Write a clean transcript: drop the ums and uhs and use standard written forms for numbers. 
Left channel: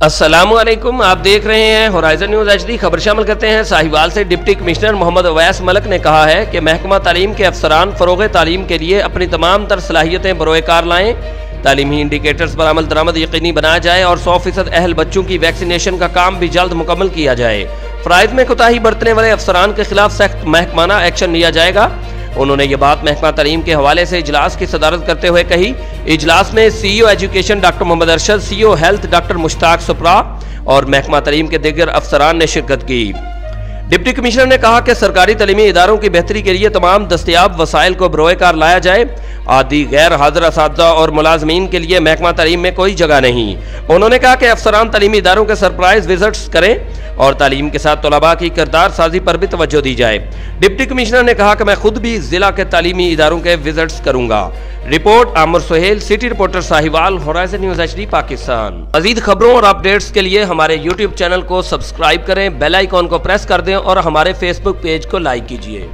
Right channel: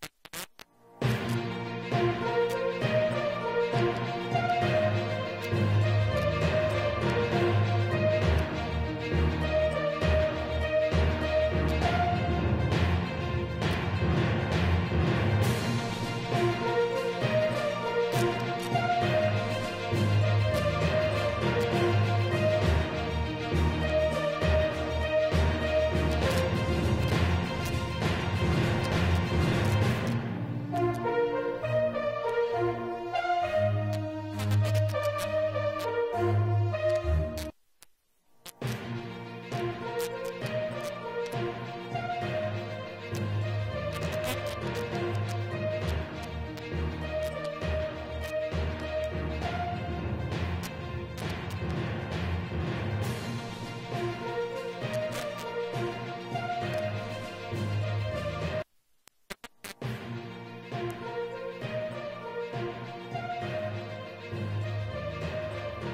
अस्सलामुअलैकुम, आप देख रहे हैं होराइजन न्यूज़ HD। खबर शामिल करते हैं। साहिवाल से डिप्टी कमिश्नर मोहम्मद अवैस मलिक ने कहा है कि महकमा तालीम के अफसरान फ़रोग़ तालीम के लिए अपनी तमाम तर सलाहियतें बरोए कार लाएँ, तालीमी इंडिकेटर्स पर अमल दरामद यकीनी बनाया जाए और 100% अहल बच्चों की वैक्सीनेशन का काम भी जल्द मुकम्मल किया जाए। फ़राइज़ में कोताही बरतने वाले अफसरान के खिलाफ सख्त महकमाना एक्शन लिया जाएगा। उन्होंने ये बात महकमा तालीम के हवाले से इजलास की सदारत करते हुए कही। इजलास में CEO education doctor Mohammad Arshad, CEO health doctor Mushtaq Supra और महकमा तालीम के दीगर अफसरान ने शिरकत की। डिप्टी कमिश्नर ने कहा कि सरकारी तालीमी इदारों की बेहतरी के लिए तमाम दस्तयाब वसाइल को बरोए कार लाया जाए। आदि गैर हाजिर असातिज़ा और मुलाजमीन के लिए महकमा तालीम में कोई जगह नहीं। उन्होंने कहा कि अफसरान तालीमी इदारों के सरप्राइज विजिट्स करें और तालीम के साथ तलबा की किरदार साजी पर भी तवज्जो दी जाए। डिप्टी कमिश्नर ने कहा कि मैं खुद भी जिला के तालीमी इदारों के विजिट्स करूंगा। Report Aamir Suhail, city reporter Sahiwal, horizon news HD Pakistan. मज़ीद खबरों और अपडेट्स के लिए हमारे YouTube चैनल को सब्सक्राइब करें, बेल आइकॉन को प्रेस कर दें और हमारे फेसबुक पेज को लाइक कीजिए।